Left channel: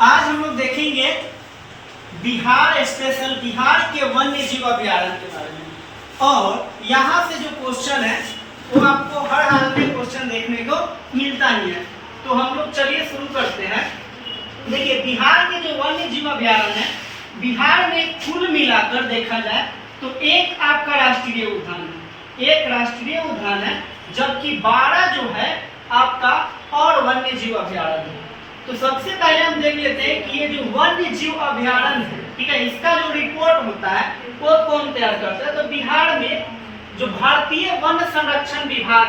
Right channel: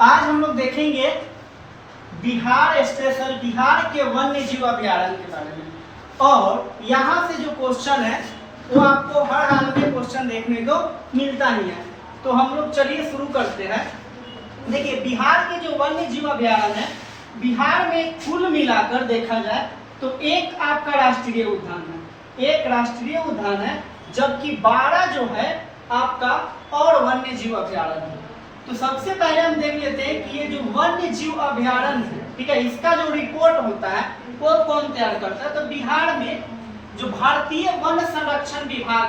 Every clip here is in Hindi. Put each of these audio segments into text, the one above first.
आज हम लोग देखेंगे बिहार स्पेशल, बिहार के वन्य जीव अभ्यारण्य के बारे में। और यहाँ से जो क्वेश्चन है वो आपको हर हाल में क्वेश्चन देखने को मिलता ही है। तो हम लोग चलिए शुरू करते हैं। देखिए, बिहार के जो वन्य जीव अभ्यारण्य है, बिहार में कुल मिलाकर देखा जाए तो एक आपका राष्ट्रीय उद्यान है, एक राष्ट्रीय उद्यान है, जबकि 12 जो है आपका और वन्य जीव अभ्यारण्य है। तो सबसे पहले हम देख लेते हैं कि ये जो वन्य जीव अभ्यारण्य है, ठीक है, इसका जो रिपोर्ट होता है वो कौन तैयार करता है। तो बिहार में जो भारतीय वन संरक्षण विभाग,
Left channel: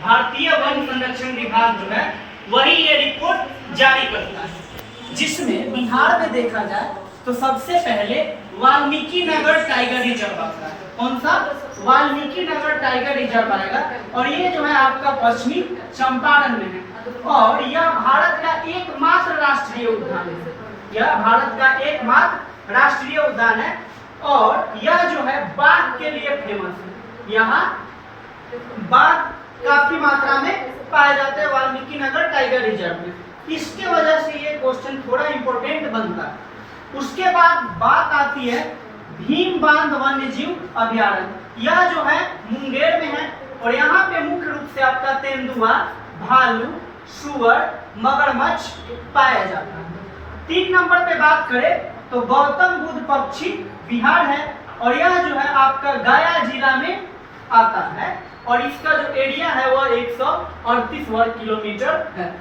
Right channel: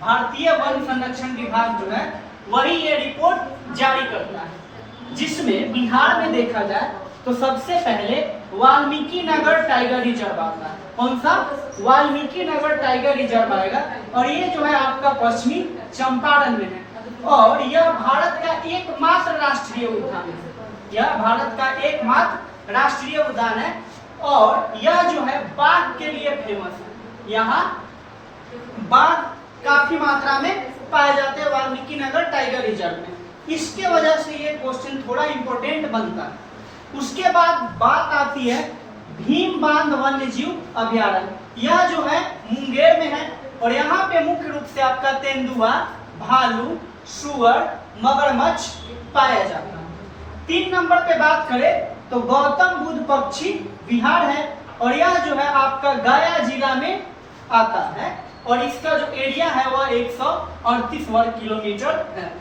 भारतीय वन संरक्षण विभाग जो है वही ये रिपोर्ट जारी करता है, जिसमें बिहार में देखा जाए तो सबसे पहले वाल्मीकि नगर टाइगर रिजर्व आता है। कौन सा? वाल्मीकि नगर टाइगर रिजर्व आएगा, और ये जो है आपका पश्चिमी चंपारण में है। और यह भारत का एकमात्र राष्ट्रीय उद्यान है, यह भारत का एकमात्र राष्ट्रीय उद्यान है। और यह जो है बाघ के लिए फेमस है, यहाँ बाघ काफी मात्रा में पाए जाते हैं वाल्मीकि नगर टाइगर रिजर्व में। इसके वजह से ये क्वेश्चन थोड़ा इंपॉर्टेंट बनता है। उसके बाद बात आती है भीम बांध वन्य जीव अभ्यारण्य। यह जो है मुंगेर में है, और यहाँ पे मुख्य रूप से आपका तेंदुआ, भालू, सुअर, मगरमच्छ पाया जाता है। 3 नंबर पे बात करें तो गौतम बुद्ध पक्षी विहार है, और यह जो है आपका गया जिला में आता है, और इसका जो एरिया है वह 138 वर्ग किलोमीटर है।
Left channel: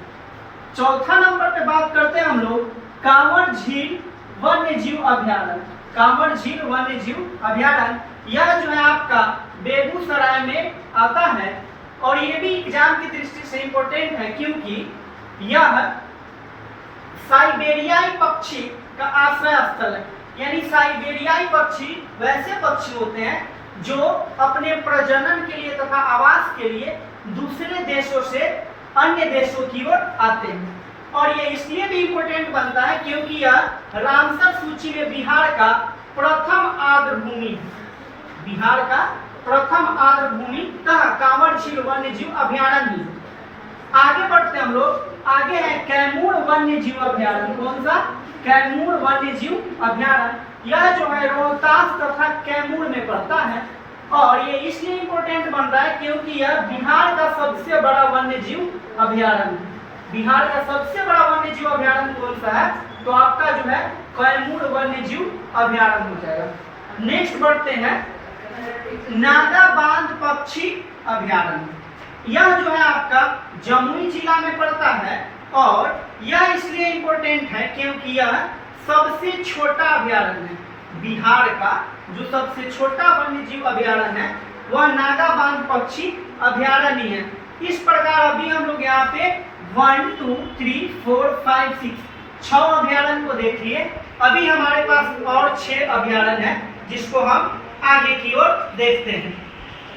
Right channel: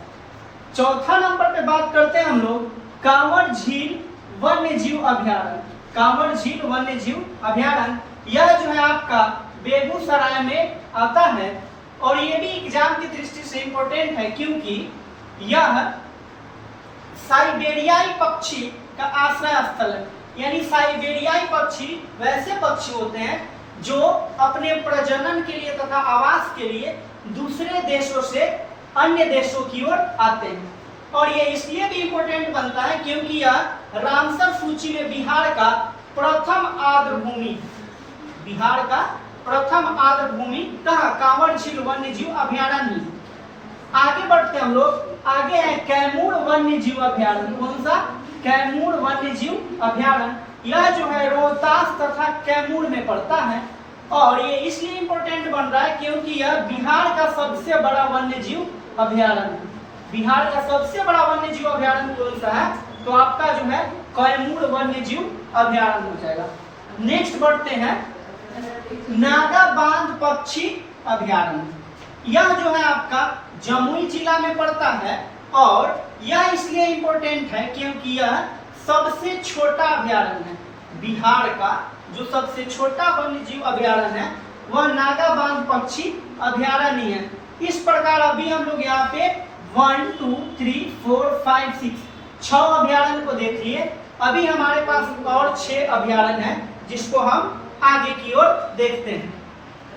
चौथा नंबर पे बात करते हैं हम लोग कांवर झील वन्य जीव अभ्यारण्य। कांवर झील वन्य जीव अभ्यारण्य यह जो है आपका बेगूसराय में आता है, और ये भी एग्जाम की दृष्टि से इंपॉर्टेंट है, क्योंकि यह साइबेरियाई पक्षी का आश्रय स्थल है। यानी साइबेरियाई पक्षी वैसे पक्षी होते हैं जो अपने प्रजनन के लिए तथा आवास के लिए दूसरे देशों से अन्य देशों की ओर आते हैं। और ये इसलिए भी इंपॉर्टेंट बनता है क्योंकि यह रामसर सूची में बिहार का प्रथम आर्द्र भूमि, बिहार का प्रथम आर्द्र भूमि कहाँ? कांवर झील वन्य जीव अभ्यारण्य। आगे बढ़ते हम लोग, आगे है कैमूर वन्य जीव अभ्यारण्य। कौन सा? कैमूर वन्य जीव अभ्यारण्य। यह जो है रोहतास तथा कैमूर में पड़ता है, और ये इसलिए इंपॉर्टेंट बन रहा है क्योंकि यह बिहार का सबसे बड़ा वन्य जीव अभ्यारण्य है। बिहार का सबसे बड़ा वन्य जीव अभ्यारण्य कौन सा है? तो आपका जो है कैमूर वन्य जीव अभ्यारण्य हो जाएगा। नेक्स्ट बढ़ते हैं नागा बांध पक्षी अभ्यारण्य। यह जो है आपका जमुई जिला में पड़ता है, और यह इसलिए इंपॉर्टेंट है क्योंकि यह सबसे छोटा अभ्यारण्य है। बिहार का जो सबसे छोटा वन्य जीव अभ्यारण्य है वह नागा बांध पक्षी अभ्यारण्य है। इस प्रकार अभी हम लोग यहाँ पे 1 2 3 4 5 6 अभ्यारण्य को देख लिए। अभी हमारे पास और 6 अभ्यारण्य है, जिसको हम आगे की ओर देखते हैं।